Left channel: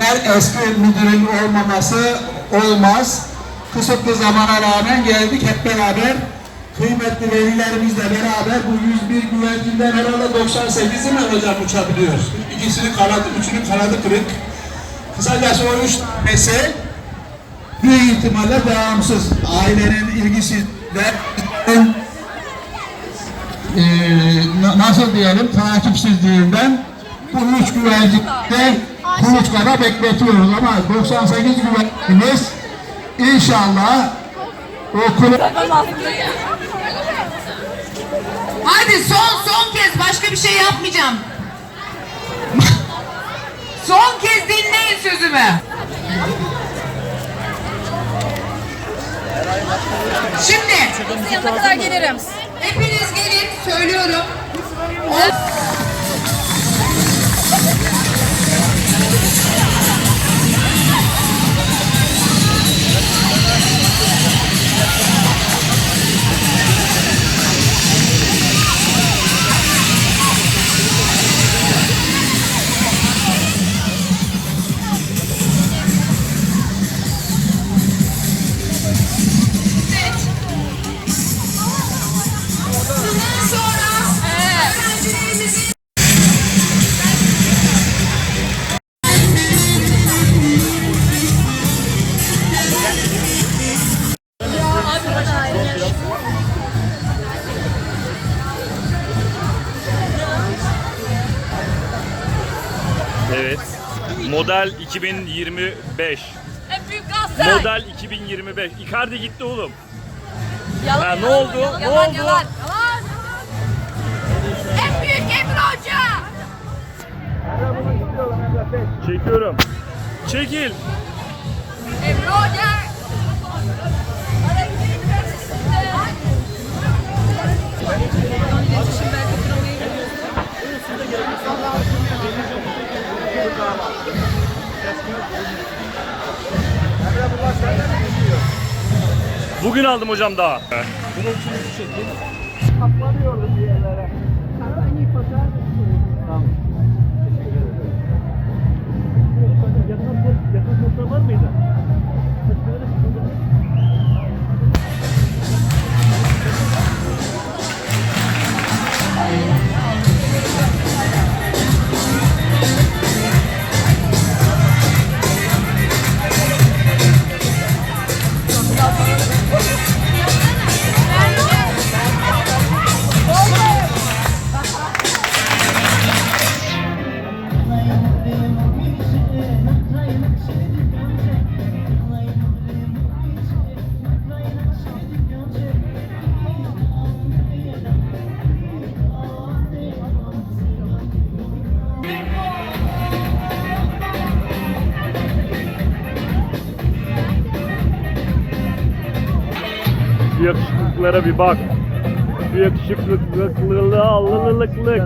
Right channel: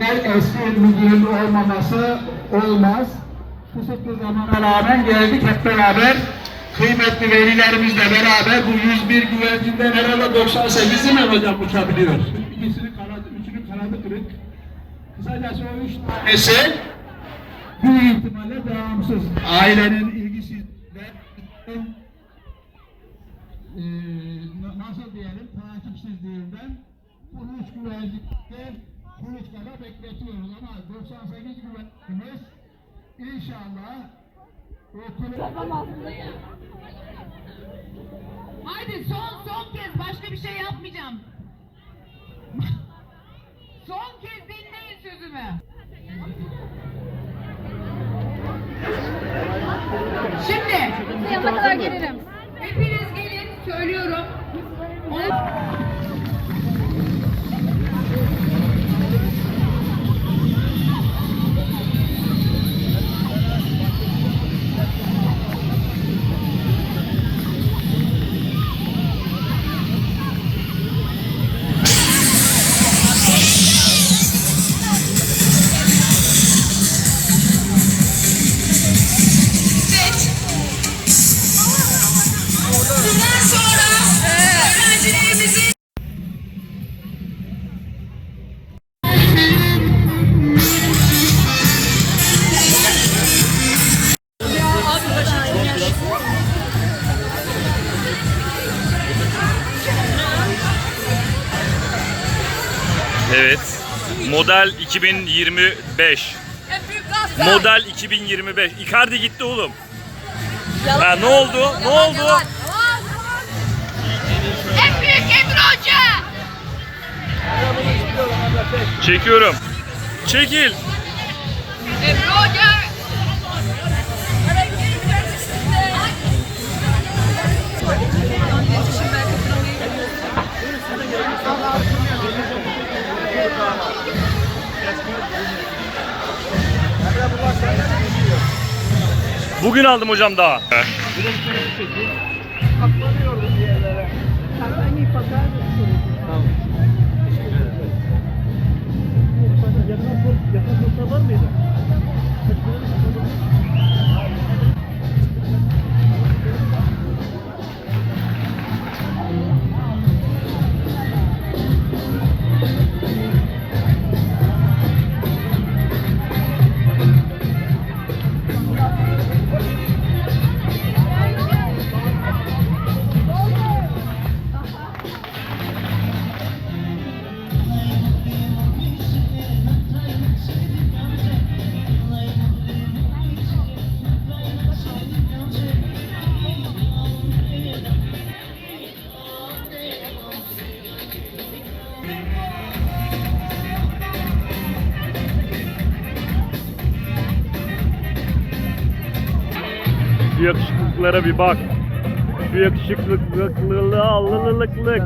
her eski müdürün olmaması olmaz. Kısıtlı zamana rağmen geldik hep beraber. Kıymetli velilerimizle beraber bu 101 güvercinden herhalde 98'i mi hocam uçabiliyor? İkisinin kanadı, üçünün kanadı kırık. Kısacası o üç tanesi büyük ihtimalle devamsız. Ailenin ilgisi ve e, na- nasıl diyelim takipsizliğinden bu üç güvencikte kuluçkada bekletiyoruz ama 98 güvencimiz inşallah o kulu Hadi son son kez başka bir şey yapmayacağım. son kez dinleyin sözümü. Şimdi Yanına kadar gelirim. hepiniz gelin söylüyorum. Evet. Model 2025. En büyük gazlar. Model 2025. Icardi gitti oğlum. Ha ne oldu? Ne oldu? En büyük Emre Hoca. Çekiyorum. Çekil. Emre Hoca. Bugün aldım hocam daha. Şu yakışıklıklara bir bak. Şu yakışıklılıklığı, allılılıklık.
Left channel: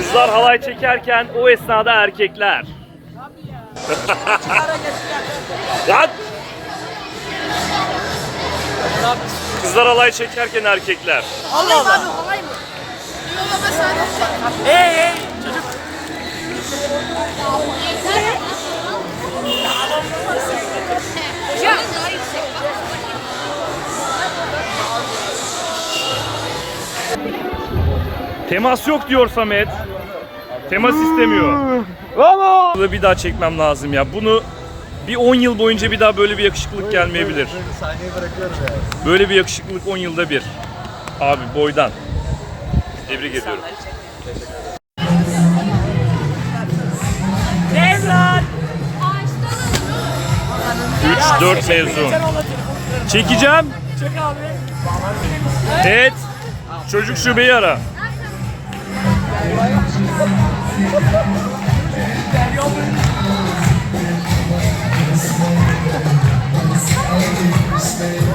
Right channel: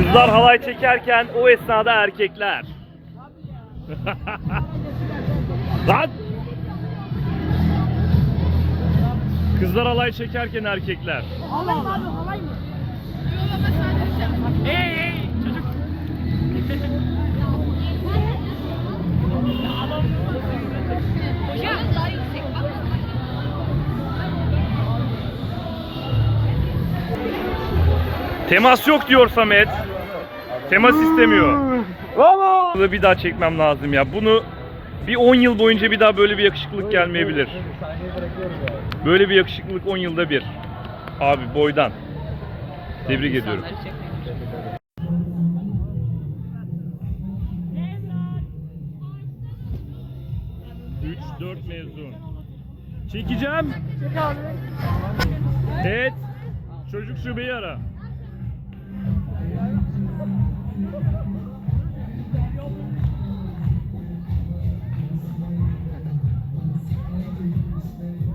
Kızlar halay çekerken o esnada erkekler. Lan! Kızlar halay çekerken erkekler. Temas yok diyor Samet. Temas istemiyor. Bunu bir daha çekmem lazım ya. Bunu bir 10 yıl boyunca bir daha böyle bir yakışıklılık gelmeyebilir. Böyle bir yakışıklılık 10 yılda bir. Abi boydan. Tebrik ediyorum. Üç, dört mezun. Çekeceğim. Evet. Çocuk şubeyi ara. Stay.